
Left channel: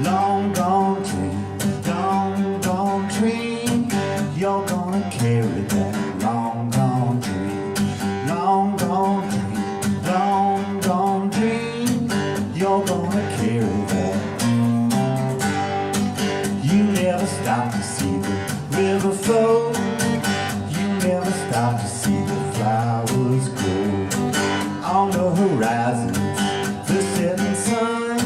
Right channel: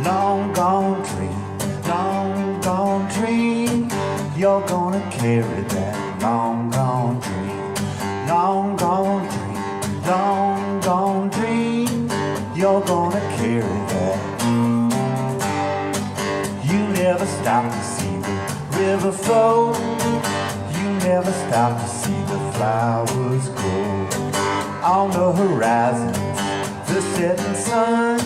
Long gone dream, long gone dream. You're gonna carry that long gone dream. Long gone dream, long gone dream. You're gonna carry that. You never stop to see the river flow. You never stop to see the flowers grow. On the horizon, the setting sun.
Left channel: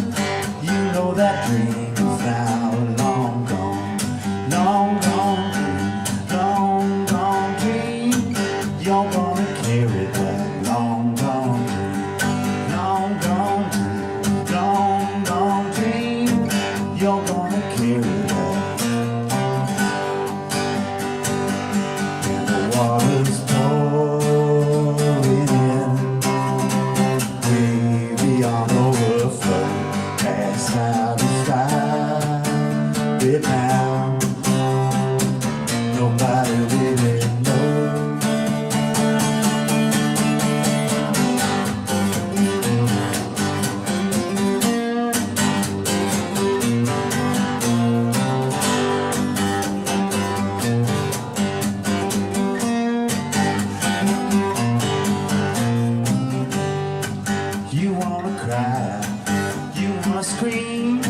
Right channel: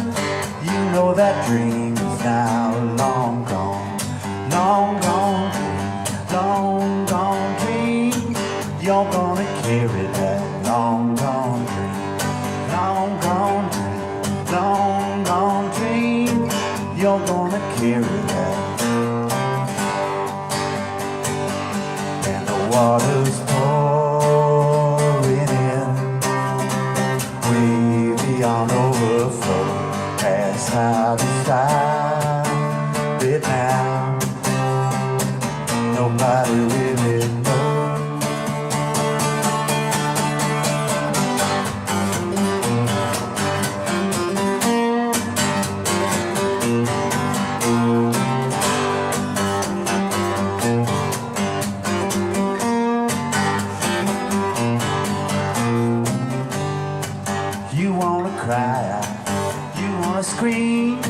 You know that dream is now long gone. Long gone dream, long gone dream. You're gonna carry that long gone dream. Long gone dream, long gone dream. You're gonna carry that. And the water's pouring in, way beyond overflow. That's how to stop it now. Nobody really knows. You wanna cry, you wanna scream,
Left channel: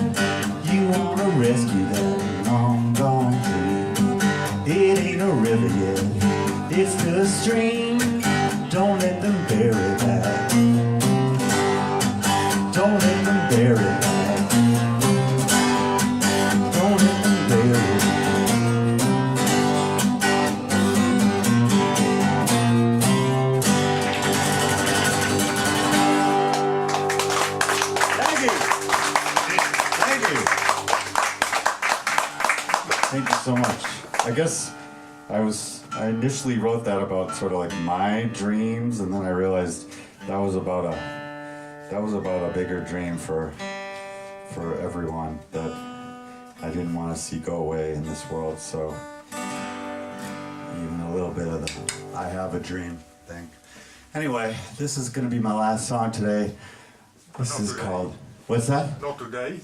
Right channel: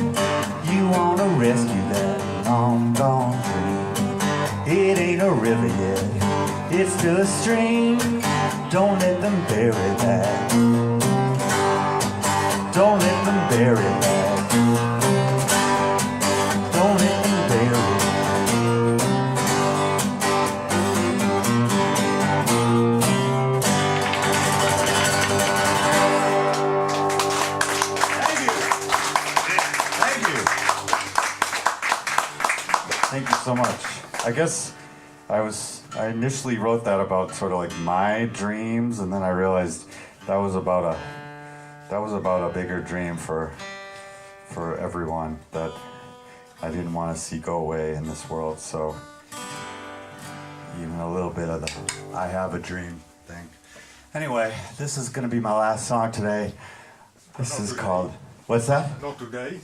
you wanna rescue that long gone dream. It ain't a river yet, it's still a stream. Don't let them bury that. Don't let them bury that. Don't let them bury that. Thank you. Thank you. Thank you so much. I guess I initially wrote that about sort of like my dreams, and then I realized that was about a bigger dream for everyone that I didn't want to see go away in this world. So even a little bit of the I have a dream thing. Anyway, this is gonna be my last song today. This is called, what's that? Not today.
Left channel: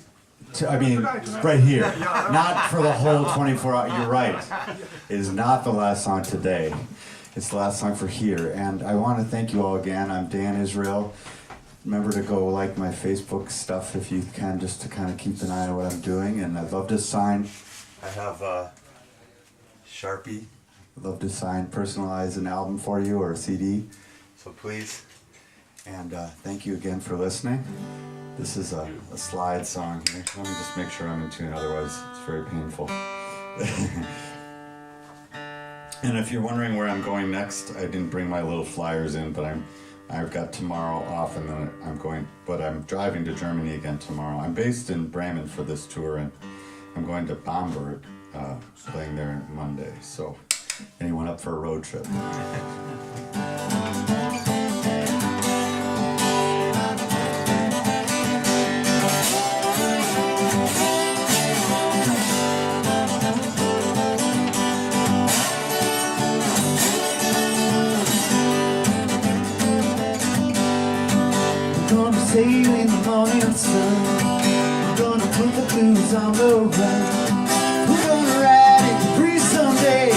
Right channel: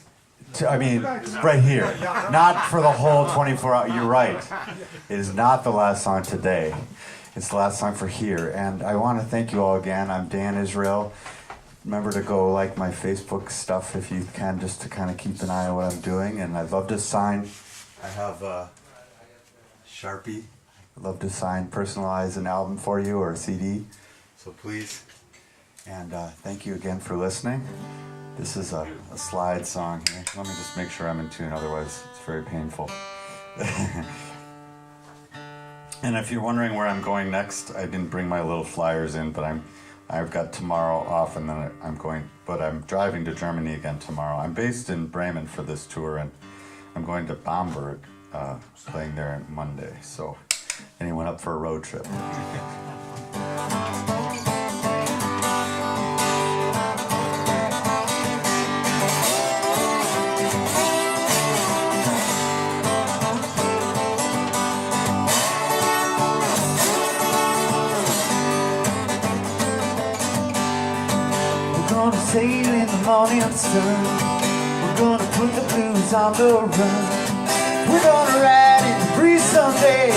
I mean, right here. Not for the whole 24 hours. You're right. It is not the last song today. It's the last song for here. And I want to thank you all again. I'm Dan Israel. Remember to go like my Facebook stuff if you can, just to kind of keep an eye on what I'm doing. And I'd love to sign. I have Sharpie. I'd love to personalize an album for you or a CD. So please. And thank you again for listening. This is a slide song here. Let me just make sure I'm in tune, otherwise it's very painful. And if you're wondering where I'm going next, I didn't bring my little flyers in, but I've got tomorrow off, and then I'm driving to Germany again tomorrow. I'm based in Bremen for this tour, and I'm going to Bamberg, playing there on Monday. So anyone up for a road trip? We're gonna put the blues on the run. We're gonna ride into free someday.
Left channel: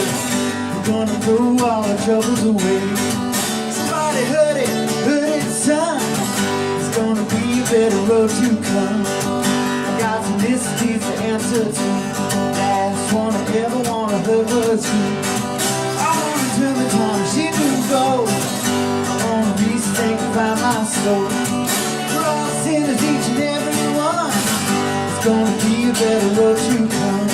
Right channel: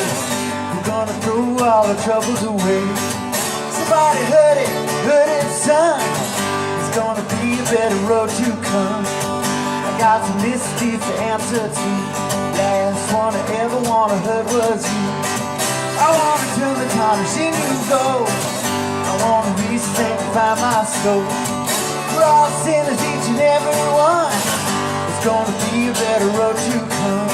We're gonna throw all our troubles away. Somebody heard it, son. It's gonna be a better road to come. I got some mysteries to answer to. Last one I ever wanna hurt was you. I wanna turn the time machine to go. I wanna re-sanctify my soul. We're all sinners, each and every one. It's gonna be a better road to come.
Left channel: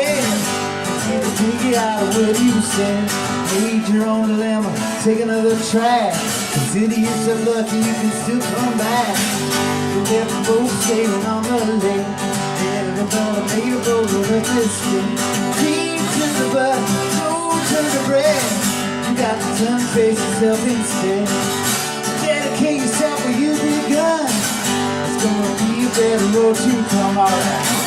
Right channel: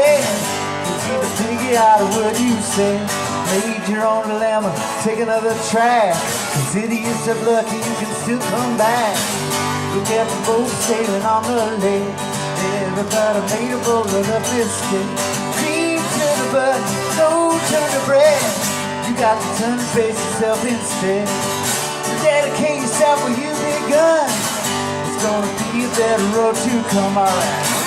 head. They need to figure out what he was saying. Made your own dilemma, take another track. 'Cause idiots of lucky, you can still come back. We got the boat sailing on the lake. Everybody made a boat of a biscuit. Cream to the butt, no turn to bread. You got to turn face yourself instead. Dedicate yourself where you begun. It's gonna be a better road to come, alright.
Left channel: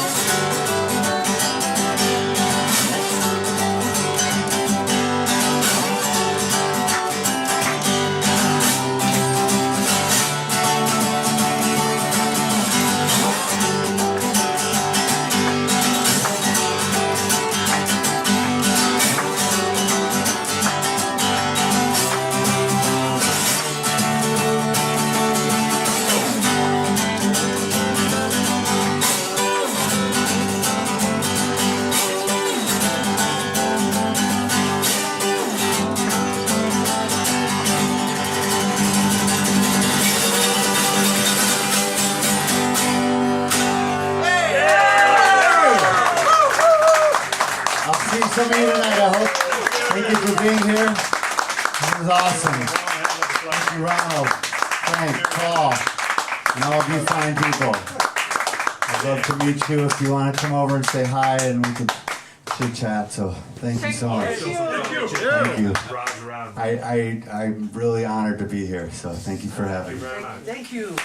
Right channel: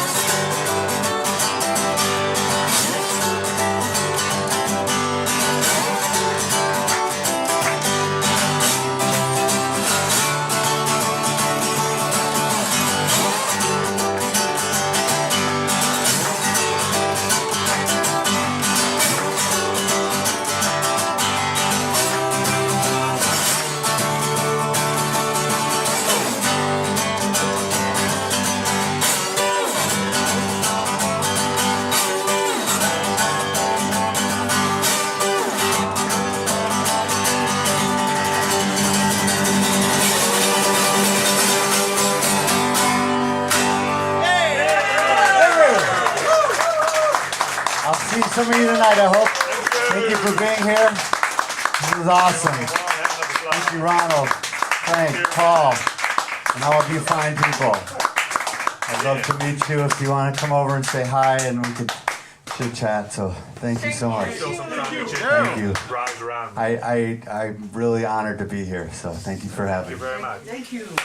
I hope. Thank you for being here. This was awesome. Thank you, Ronald, Frank, Paul, and all of you fine people. I'd love to meet you if you want to come over and say hi and we can chit chat. So thank you so much. Thank you. I'm really honored to be here. So thank you for having me. Very much. Thank you.